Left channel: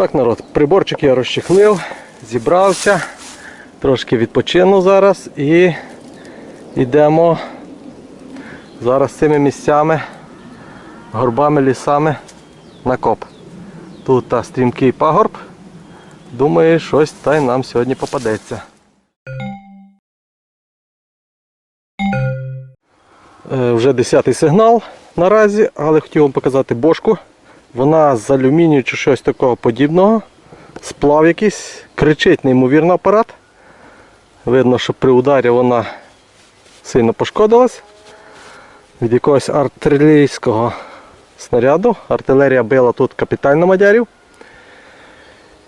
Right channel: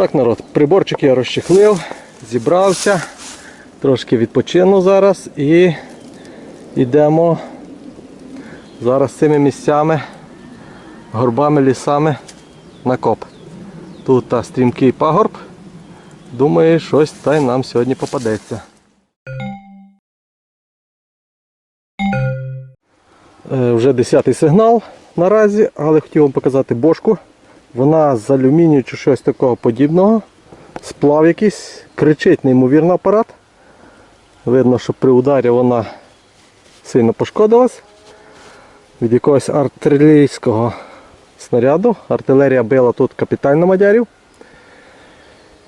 Так, народ, приборчик я розчехлив, зібрався, трошки відпочину зараз і йдемо зараз цими місцями, горбами, лісами на коп. Тут та стрімкий пагорб. Думаю, щось та й нам сьогодні попадеться. Е, Вже 10 сигнал наразі, але хотів вам показати бошку. Вона з алюмінію чи щось такого подібного. Сплав якийсь, кричить неймовірно апарат. Видно, що при ударі вона сильно пошкодилась. Від якогось артилерійського снаряду. Артилерія била тут капітально мадярів.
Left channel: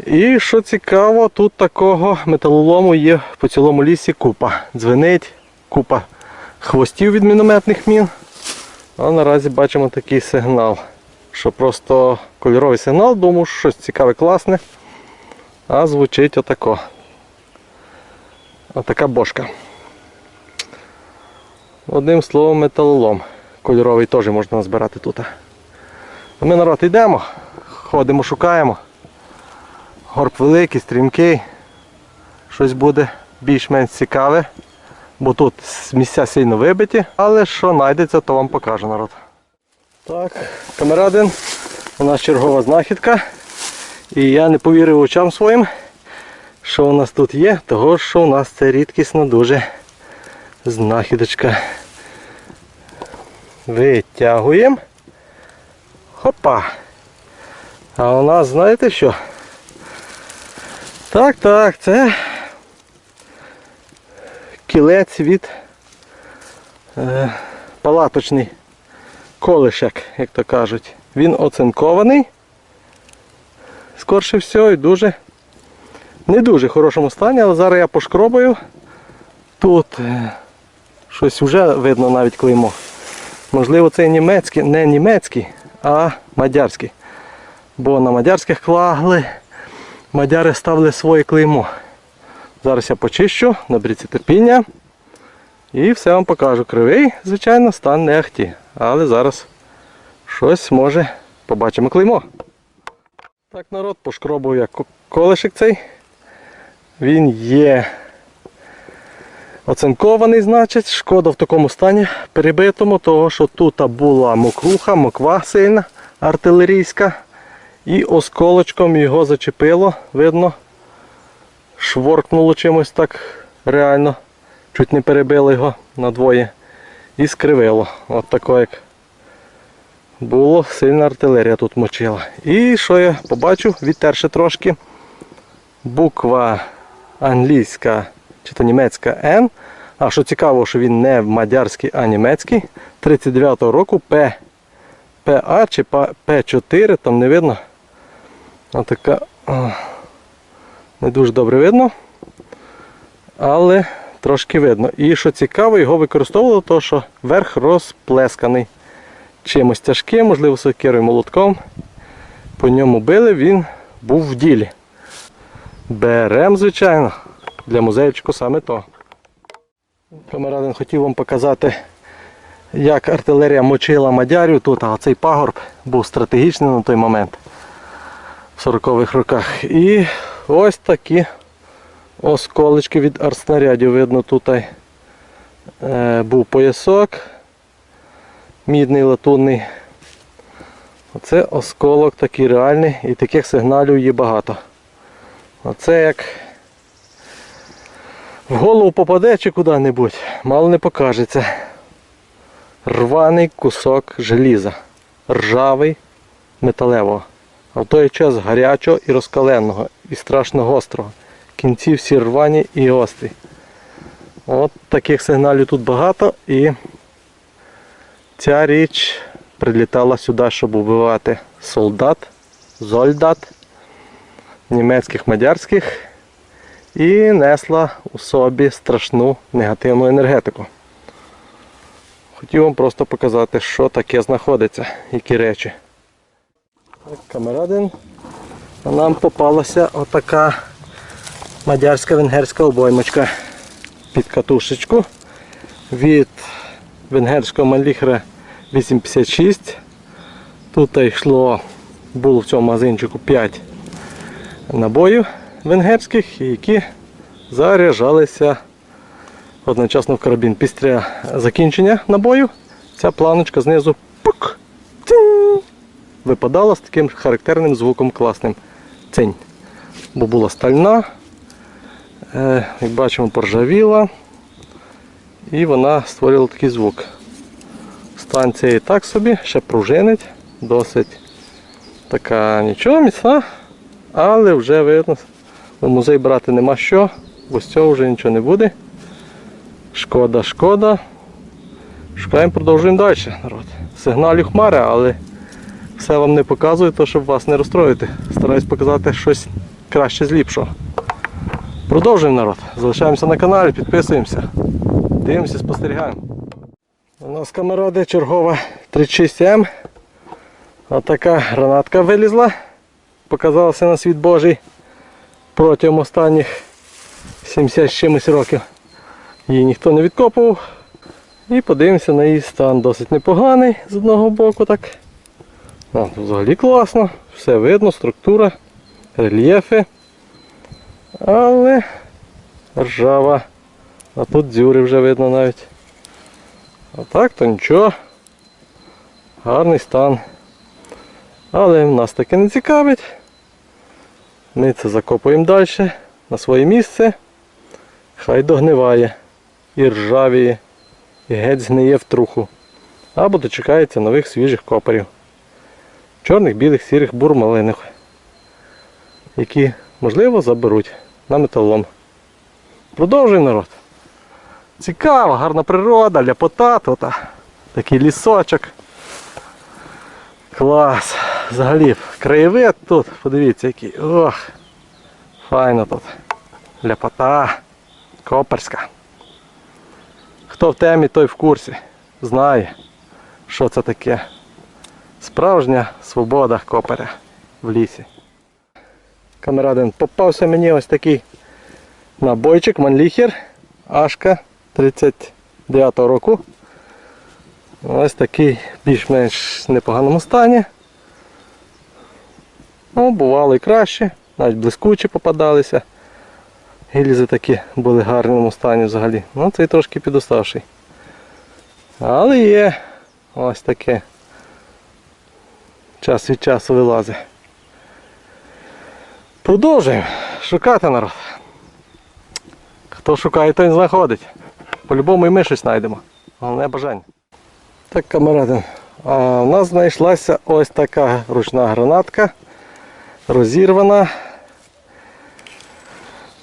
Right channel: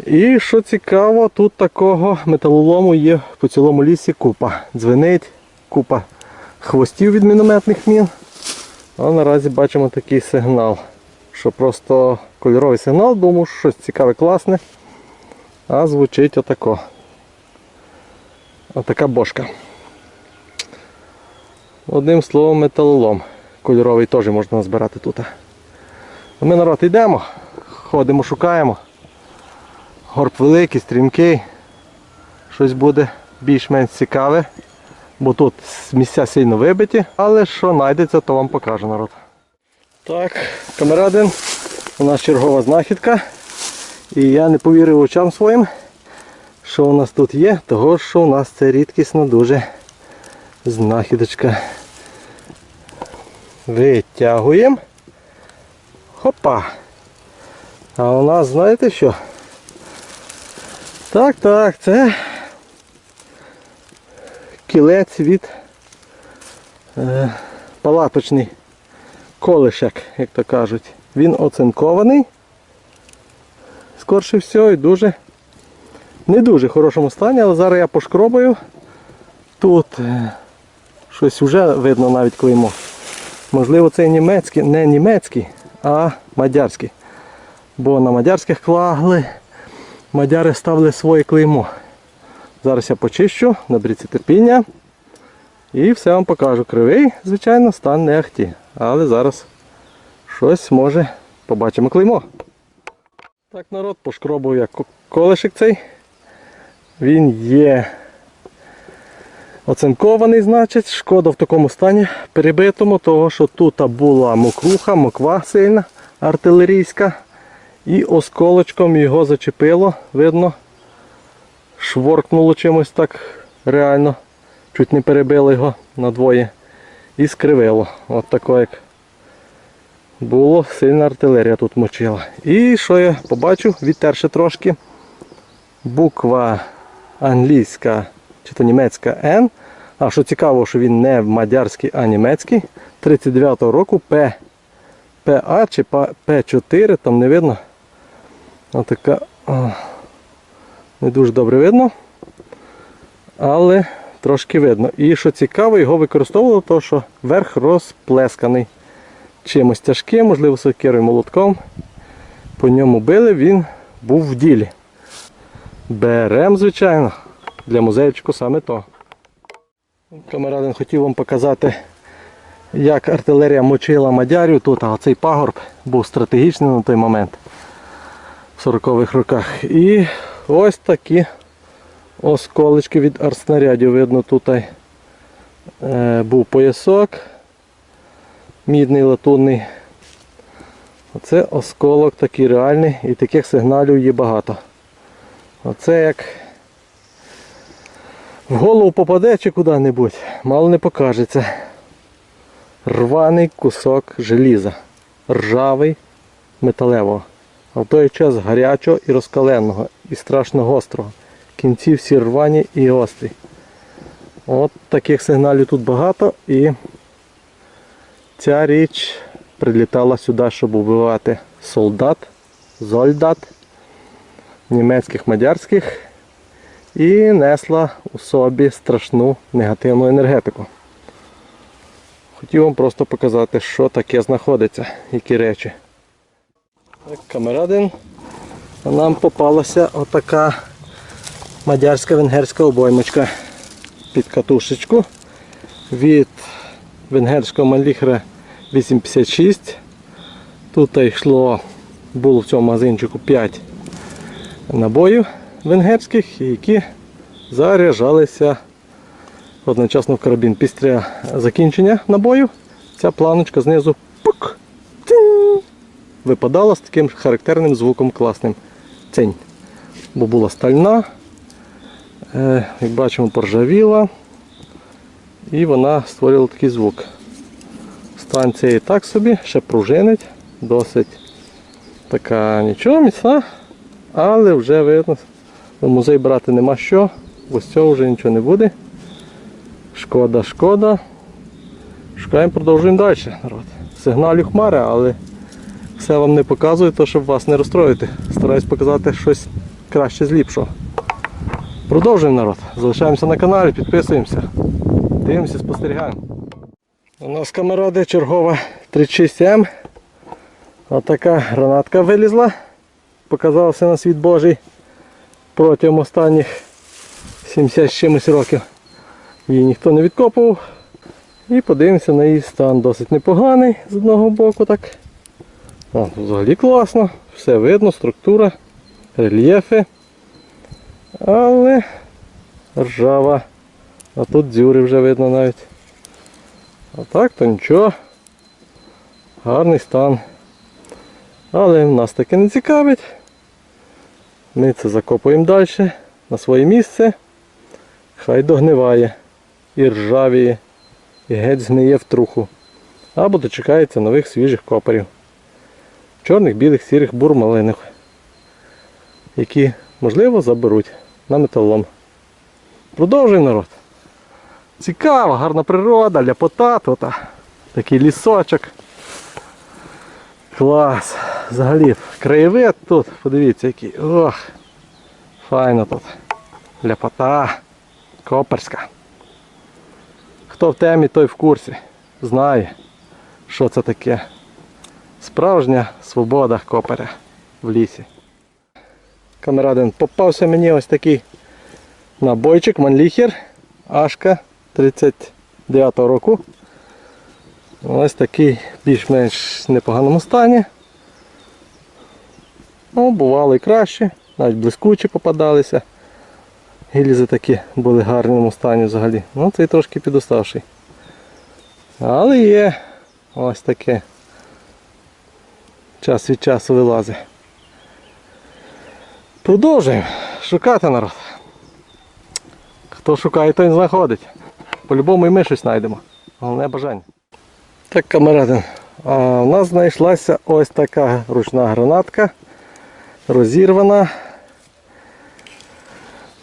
І що цікаво, тут такого металолому є по цілому лісі купа. Дзвенить, купа хвостів від мінометних мін. А наразі бачимо такий сигнал. Що просто кольоровий сигнал, думаю, що щось цікаве, класне. А звучить отако. Отака бошка. Одним словом, металолом. Кольоровий теж можна назбирати тут. Ми народ йдемо, ходимо, шукаємо. Горб великий, стрімкий. Щось буде більш-менш цікаве. Бо тут місця сильно вибиті, але що знайдеться, то вам покажу народ. Так, камерадин, у нас чергова знахідка. І я не повірив очам своїм, що у нас тут є, того що у нас це рідкісна дуже знахідочка. Витягуємо. Хопа. А у нас знаєте що? Так, так, це кілець від е, палаточний колишек, як то кажуть. Він оцинкований. Скорше всього і дуже не дуже хорошому стані, але зараз я пошкробую. Тут е, щось вже видно навіть клеймо. Можливо, це німецький, не німецький, а мадярський. Бо на мадярських клагли мадяри ставили своє клеймо. Зараз я почищу, наберіться терпіння. І все вам покажу. Кривий, звичайно, стан не ахті. Але зараз щось може побачимо клеймо. Так, народ, пошкробував я ко- колишик цей. Він є оцинкований, значить, шкода в такому стані перебитому, того що тут була мокруха, моква сильна, артилерійська. І осколочком його зачепило, видно, шворкнуло чимось так реально. Чуть не перебило його надвоє. І скривило. От тако як було, сильна артилерія тут мочила. І що я побачив, відтерши трошки. Буква англійська чи то німецька Н. А що цікаво, що він не мадярський, а німецький. 39-го року П. ПА чи П4, там не видно. Отака не дуже добре видно. Але трошки видно. І що цікаво, його використовували, то що верх розплесканий чимось тяжким, можливо, сокирою молотком. По ньому били, він був в ділі. Берем, звичайно, для музейчику саме то. Камерадин хотів вам показати, як артилерія мочила мадярів тут, а цей пагорб був стратегічний на той момент в 40-х роках. І ось такі осколочки від артснарядів. Видно, тут е, був поясок мідний латунний. Оце осколок такий реальний і таких сигналів є багато. Оце як в голову попаде чи куди-небудь, мало не покажеться. Рваний кусок желіза. Ржавий металевого. А в той час гарячого і розкаленого, і страшно гострого. Кінці всі рвані і гострі. От таких сигналів тут багато і ця річ прилітала сюди, щоб убивати солдат, зольдат, німецьких, мадярських і несла у собі страшну негативну енергетику. Хотів вам просто показати, що таке знаходиться, які речі. Так, камерадин. Нам попалася отака мадярська венгерська обоймочка під катушечку від венгерського маліхра 856. Тут йшло, було в цьому магазинчику 5 набоїв венгерських, які заряджалися одночасно в карабін. Після закінчення набою ця планочка знизу пук, випадала з таким характерним звуком класним. Цинь. Бо була стальна, як бачимо, поржавіла. І вона створила такий звук. Станція і так собі, ще пружинить, досить така нічого міцна, але вже видно, в музей брати нема що, бо з цього вже нічого не буде. Шкода, шкода. Шукаємо, продовжуємо далі, народ. Сигналю хмари, але все вам не показую, то щоб вас не розстроїти. Стараюсь показати щось краще з ліпшого. Продовжуємо народ. Залишаємося на каналі, підписуємося. Дивимося, спостерігаємо. У нас камеради чергова 36М. Отака гранатка вилізла. Показалася на світ Божий протягом останніх 70 з чимось років. Її ніхто не відкопував. І подивимося на її стан. Досить непоганий з одного боку. так. О, взагалі класно. Все видно, структура, рельєфи. Але ржава. А тут дзюри вже видно навіть. А так то нічого. Гарний стан. Але нас таке не цікавить. Ми це закопуємо далі на своє місце. Хай догниває і ржавіє, і геть згниє в труху. Або дочекається нових свіжих копарів. Чорних, білих, сірих, бурмалиних, які, можливо, заберуть на металолом. Продовжуємо народ. Цікаво, гарна природа, ляпота тут. Такий лісочок. Клас. Взагалі, краєвид тут, подивіться який. Ох. Файно тут. Ляпота. Коперська. Хто в темі, той в курсі. Знає, що це таке. Справжня свобода коперя в лісі. Камерадин, попався мені ось такий набойчик Манліхер Ашка 39 року. Ось такий більш-менш непоганому стані. Ну, бувало і краще, навіть блискучі попадалися. Гільзи такі були в гарному стані взагалі. Ну цей трошки підоставший. Але є ось таке. Час від часу вилазить. Продовжуємо шукати народ. Хто шукає, той знаходить. По-любому і ми щось знайдемо. Головне бажання. Так, камерадин. А у нас знайшлася ось така ручна гранатка. Розірвана.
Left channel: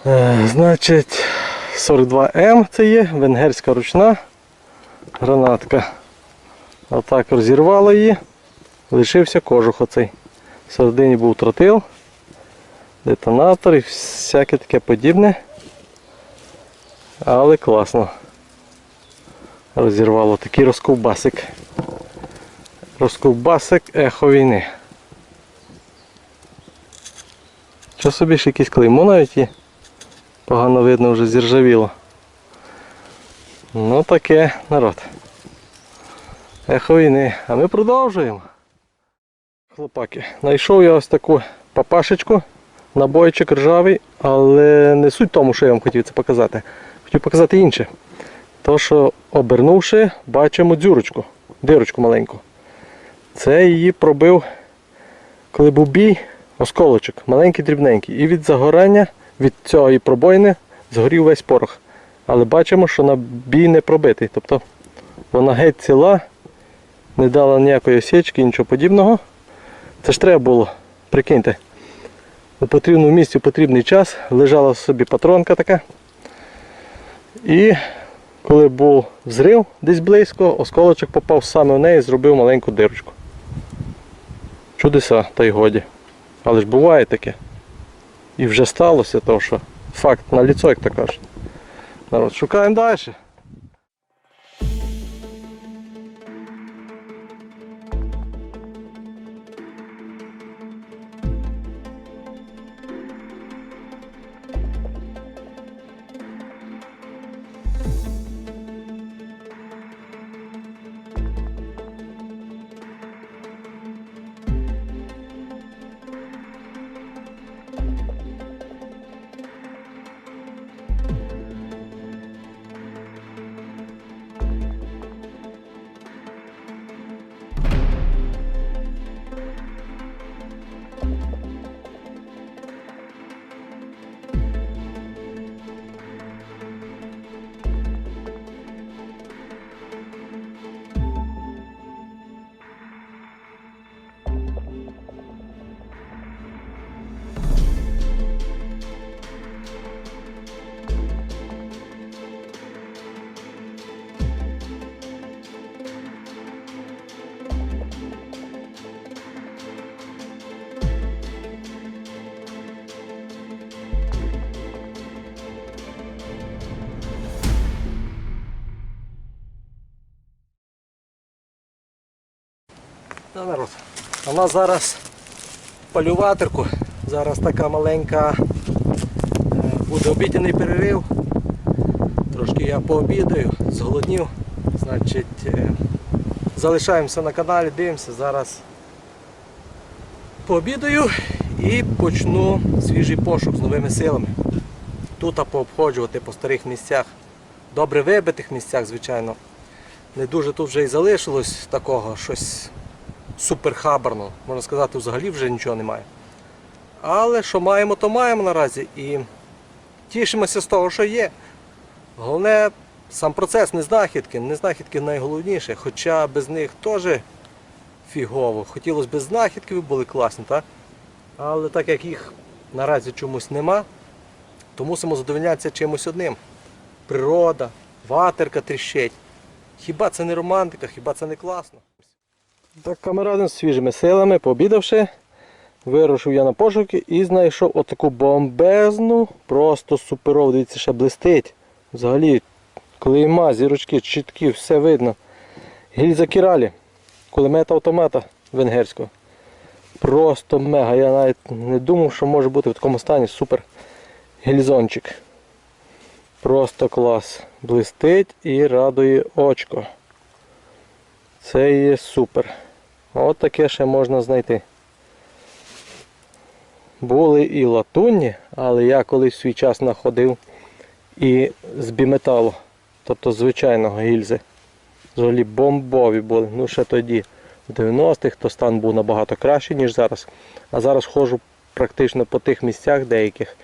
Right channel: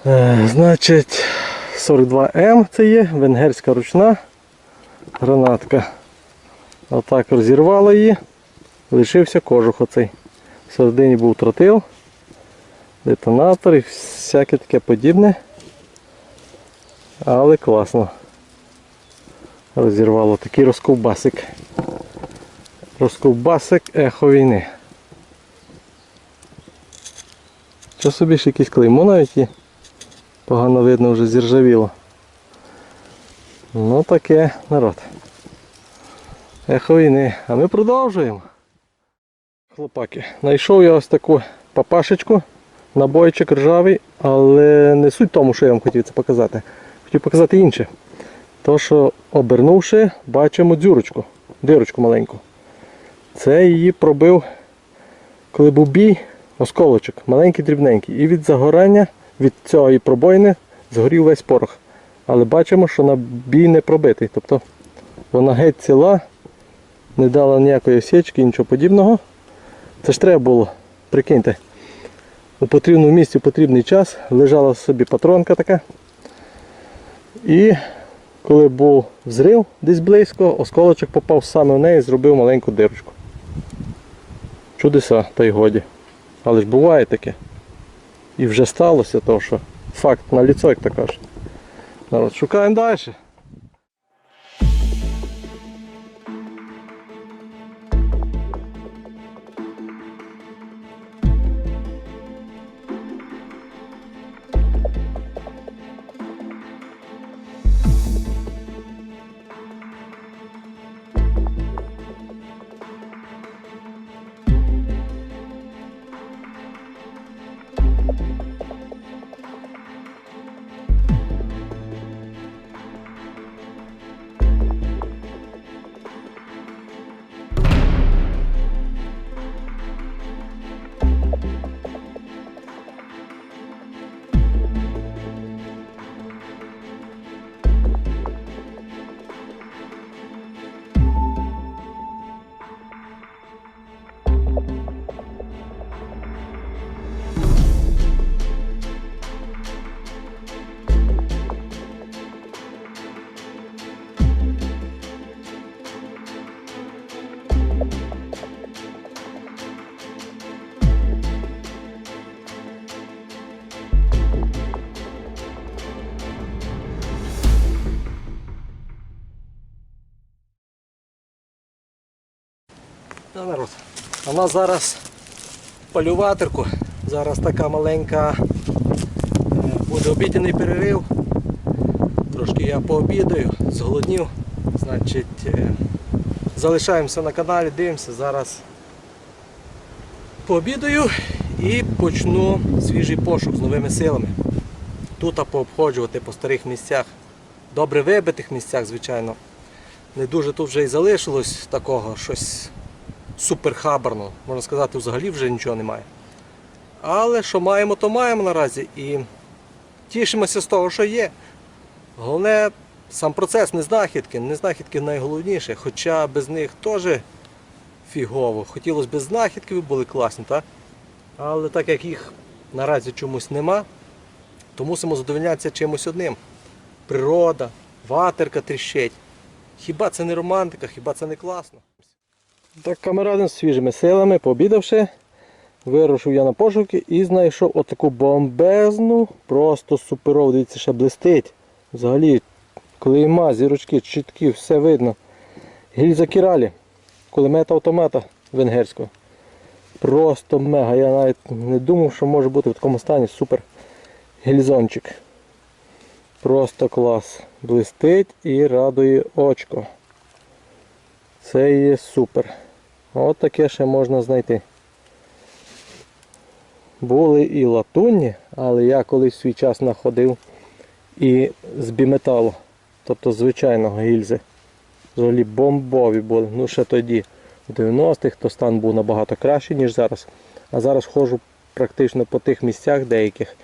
Е, значить, 42М це є, венгерська ручна гранатка. Отак розірвало її. Лишився кожух оцей. Всередині був тротил, детонатор і всяке таке подібне. Але класно. Розірвало такий розковбасик. Розковбасик ехо війни. Що собі ж якийсь клеймо навіть є. Погано видно вже зіржавіло. Ну таке народ. Ехо війни. А ми продовжуємо. Хлопаки, знайшов я ось таку папашечку, набойчик ржавий, але не суть тому, що я вам хотів це показати. Хотів показати інше. То, що обернувши, бачимо дзюрочку, дирочку маленьку. Це її пробив, коли був бій, осколочок, маленький дрібненький. І від загорання, від цієї пробоїни згорів весь порох. Але бачимо, що на бій не пробитий. Тобто вона геть ціла, не дала ніякої осічки, нічого подібного. Це ж треба було, прикиньте. У потрібному місці в потрібний час лежала собі патронка така. І коли був взрив десь близько, осколочок попав саме в неї і зробив маленьку дирочку. Чудеса, та й годі. Але ж буває таке. І вже сталося, то що факт на ліцо, як то кажуть. Народ, шукаємо далі. Народ. А в нас зараз полюватерку. Зараз така маленька е, буде обідяний перерив. Трошки я пообідаю, зголоднів. Значить, е, залишаємося на каналі, дивимося. Зараз пообідаю і почну свіжий пошук з новими силами. Тут пообходжувати по старих місцях, добре вибитих місцях, звичайно. Не дуже тут вже і залишилось такого щось суперхабарно. Можна сказати, взагалі вже нічого немає. Але що маємо, то маємо наразі. І тішимося з того, що є. Головне, сам процес не знахідки. Не знахідки найголовніше, хоча без них теж фігово. Хотілося б знахідки, були класні, так? Але так як їх наразі чомусь нема, то мусимо задовольнятися чимось одним. Природа, ватерка тріщить. Хіба це не романтика, хіба це не класно? Так, камерадин з свіжими силами, пообідавши, вирушив я на пошуки і знайшов отаку бомбезну, просто суперову, дивіться, ще блистить. Взагалі, клейма, зірочки, чіткі, все видно. Гільза Кіралі, кулемета автомата венгерського. Просто мега. Я навіть не думав, що може бути в такому стані супер гільзончик. Просто клас. Блистить і радує очко. Це є супер. От таке ще можна знайти. Були і латунні, але я колись свій час знаходив і з біметалу, тобто звичайного гільзи. Взагалі бомбові були. Ну ще тоді, в 90-х, то стан був набагато кращий, ніж зараз. А зараз ходжу практично по тих місцях деяких.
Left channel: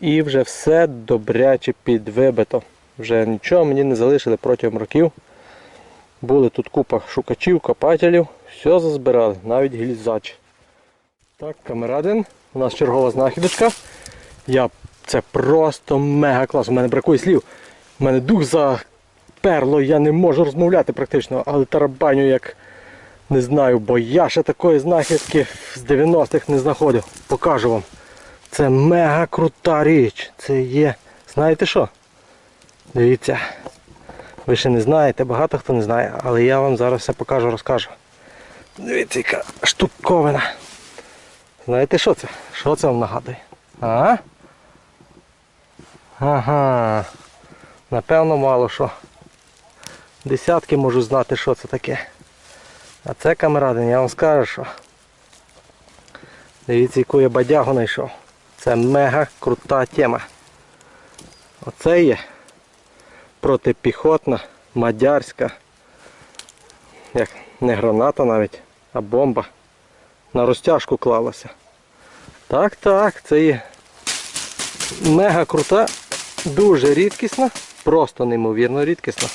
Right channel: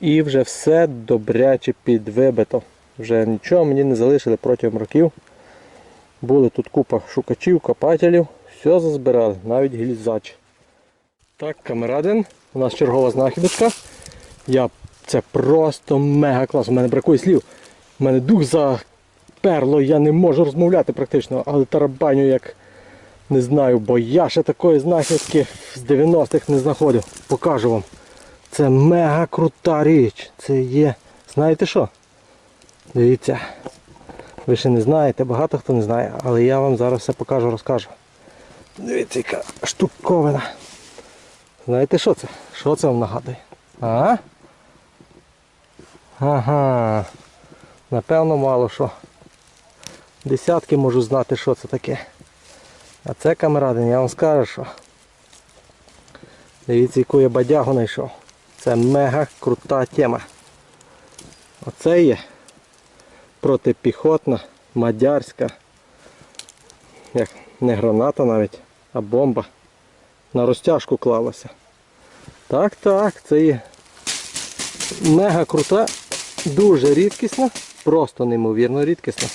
І вже все добряче підвибито. Вже нічого мені не залишили протягом років. Були тут купа шукачів, копателів, все зазбирали, навіть гільзач. Так, камерадин, у нас чергова знахідочка. Я... Це просто мега клас. У мене бракує слів. У мене дух заперло, я не можу розмовляти практично, але тарабаню як не знаю, бо я ще такої знахідки з 90-х не знаходив. Покажу вам. Це мега крута річ. Це є. Знаєте що? Дивіться. Ви ще не знаєте, багато хто не знає, але я вам зараз все покажу, розкажу. Дивіться, яка штуковина. Знаєте що це? Що це вам нагадує? А? Ага. Напевно, мало що. Десятки можу знати, що це таке. А це камерадин, я вам скажу, що. Дивіться, яку я бадягу знайшов. Це мега крута тема. Оце є протипіхотна, мадярська, як не граната навіть, а бомба. На розтяжку клалася. Так, так, це є мега крута, дуже рідкісна, просто неймовірно рідкісна.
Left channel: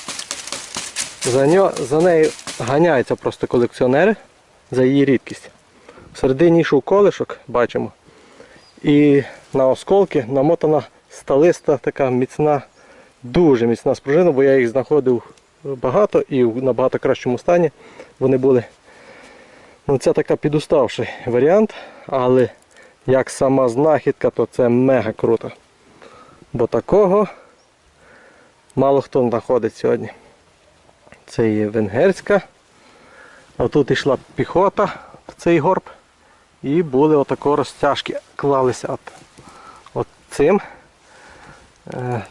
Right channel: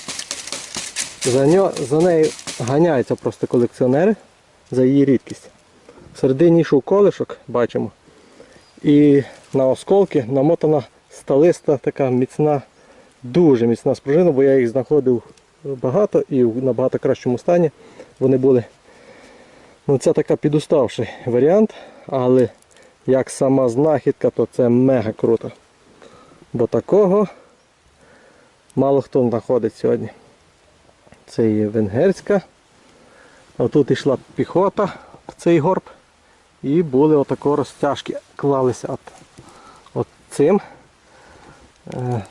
За, нього, за нею ганяються просто колекціонери за її рідкість. Всередині йшов колишок, бачимо. І на осколки намотана сталиста така міцна, дуже міцна спружина, бо я їх знаходив багато і в набагато кращому стані вони були. Ну Це така підуставший варіант, але як сама знахідка, то це мега круто. Бо такого мало хто знаходить сьогодні. Це є венгерська. А тут йшла піхота в цей горб. І були отако розтяжки, клалися от, от цим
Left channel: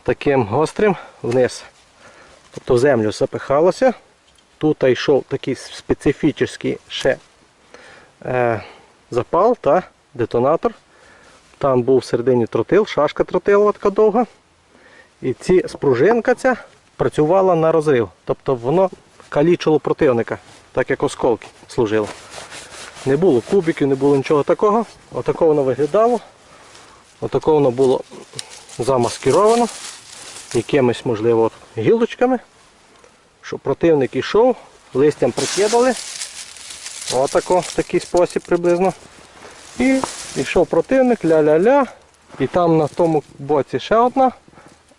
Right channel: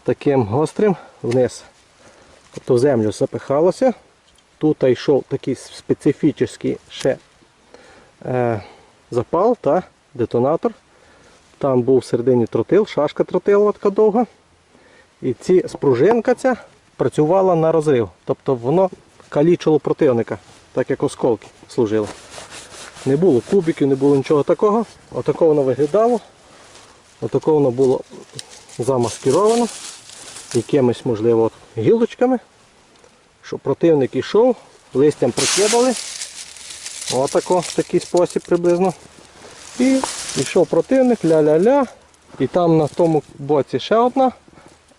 таким гострим вниз. Тобто в землю запихалося. Тут йшов такий специфічний ще е, запал та детонатор. Там був всередині тротил, шашка тротилова така довга. І ці спружинка ця працювала на розрив. Тобто воно калічило противника, так як осколки служило. Не було кубиків, не було нічого такого. Отако воно виглядало. Отако воно було замаскировано якимись, можливо, гілочками, щоб противник йшов, листям прикидали. Отако, такий спосіб приблизно. І йшов противник, ля-ля-ля. І там на тому боці ще одна,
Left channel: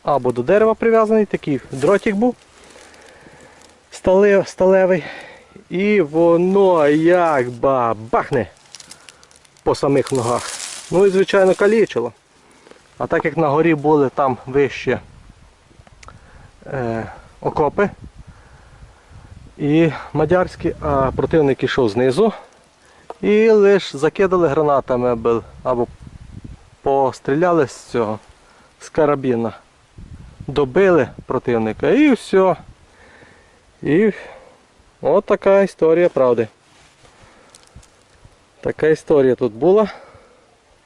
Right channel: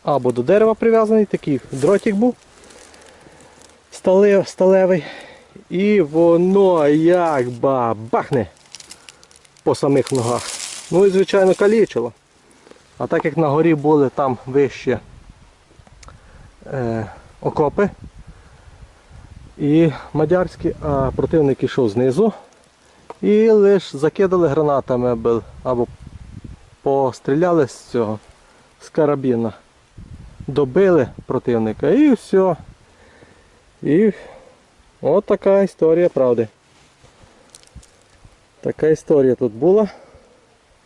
або до дерева прив'язаний, такий дротик був стале- сталевий. І воно як ба бахне по самих ногах. Ну і звичайно калічило. А так як на горі були там вище е, окопи і мадярські, а противник йшов знизу. І лише закидали гранатами або- постріляли з цього, з карабіна. Добили противника і все. І от така історія правди. Така історія тут була,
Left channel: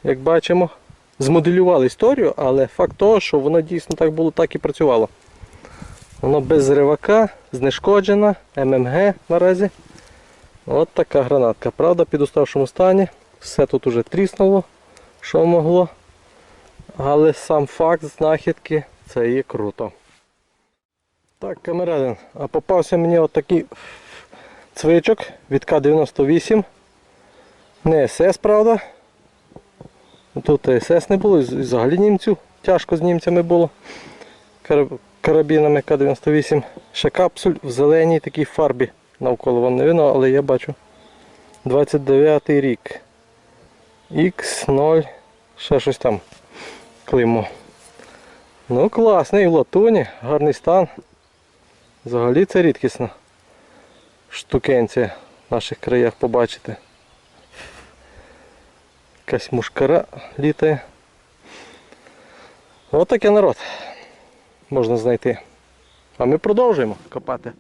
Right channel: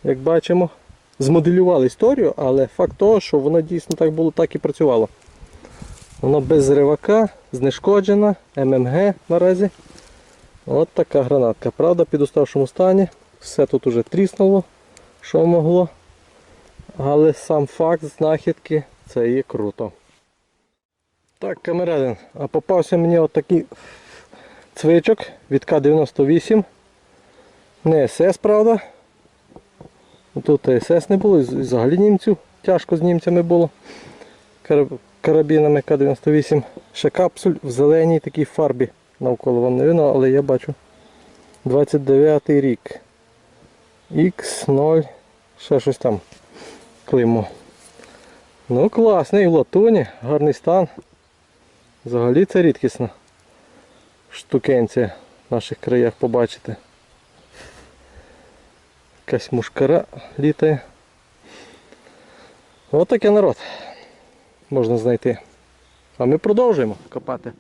як бачимо. Змоделювали історію, але факт того, що воно дійсно так було, так і працювало. Воно без ривака, знешкоджена, ММГ наразі. От така гранатка. Правда, в підуставшому стані. Все тут уже тріснуло, що могло. Але сам факт знахідки це є круто. Так, камерадин, а попався мені отакий цвичок від К-98. Не СС, правда. Тут СС не було, і взагалі німців. Тяжко з німцями було. Карабінами К-98. Ще капсуль в зеленій такій фарбі. Навколо вам не видно, але я бачу. 29 рік. X0. Ще щось там. Клеймо. Ну класний в латуні, гарний стан. Взагалі це рідкісна штукенція в наших краях побачити. Якась мушкара літає. Ось таке народ можна знайти. А ми продовжуємо копати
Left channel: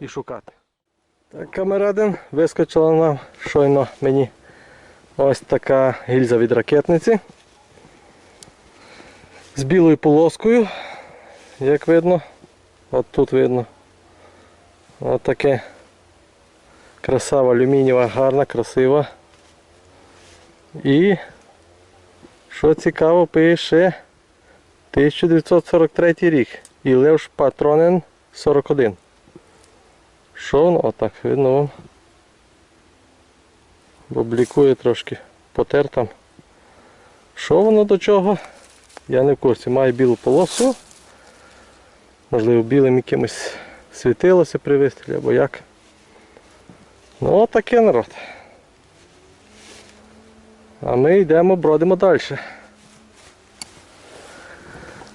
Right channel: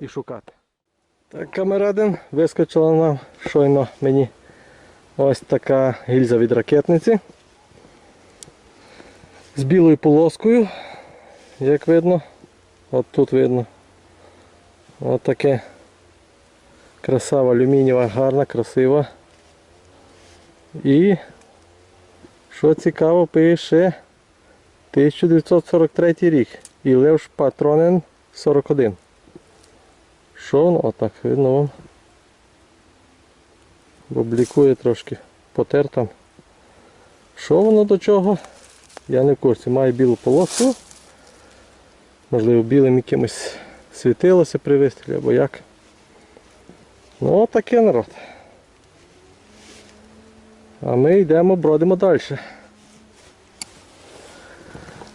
і шукати. Так, камерадин вискочила нам щойно мені ось така гільза від ракетниці. З білою полоскою, як видно. От тут видно. От таке красава алюмінієва, гарна, красива. І що цікаво, пише 1943 рік. І Левш Патронен 41. Що воно? Отак, видно вам. Облікує трошки потер там. Що воно до чого? Я не в курсі. Має білу полосу. Можливо, білим якимось світилося при вистрілі або як. Ну отаке народ. А ми йдемо, бродимо далі.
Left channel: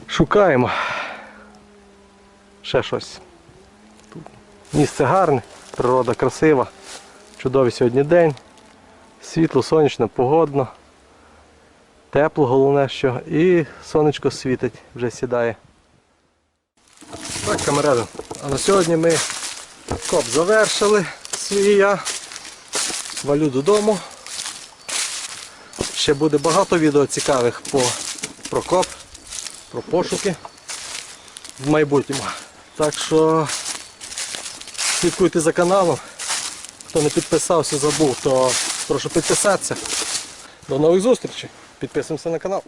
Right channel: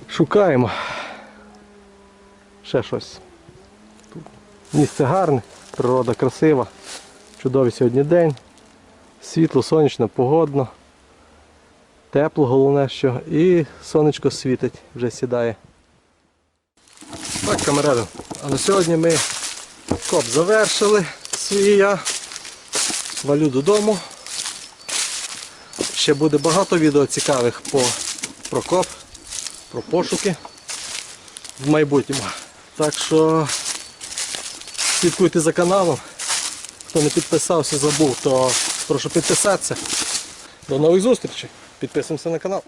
Шукаємо. Ще щось. Тут місце гарне, природа красива. Чудовий сьогодні день. Світло, сонячно, погодно. Тепло головне що. І сонечко світить, вже сідає. Так, камеради, а на сьогодні ми коп завершили свій я. Валю додому. Ще буде багато відео цікавих по, про коп, про пошуки в майбутньому. Так що слідкуйте за каналом. Хто не підписався, забув, то прошу підписатися. До нових зустрічей. Підписуємося на канал.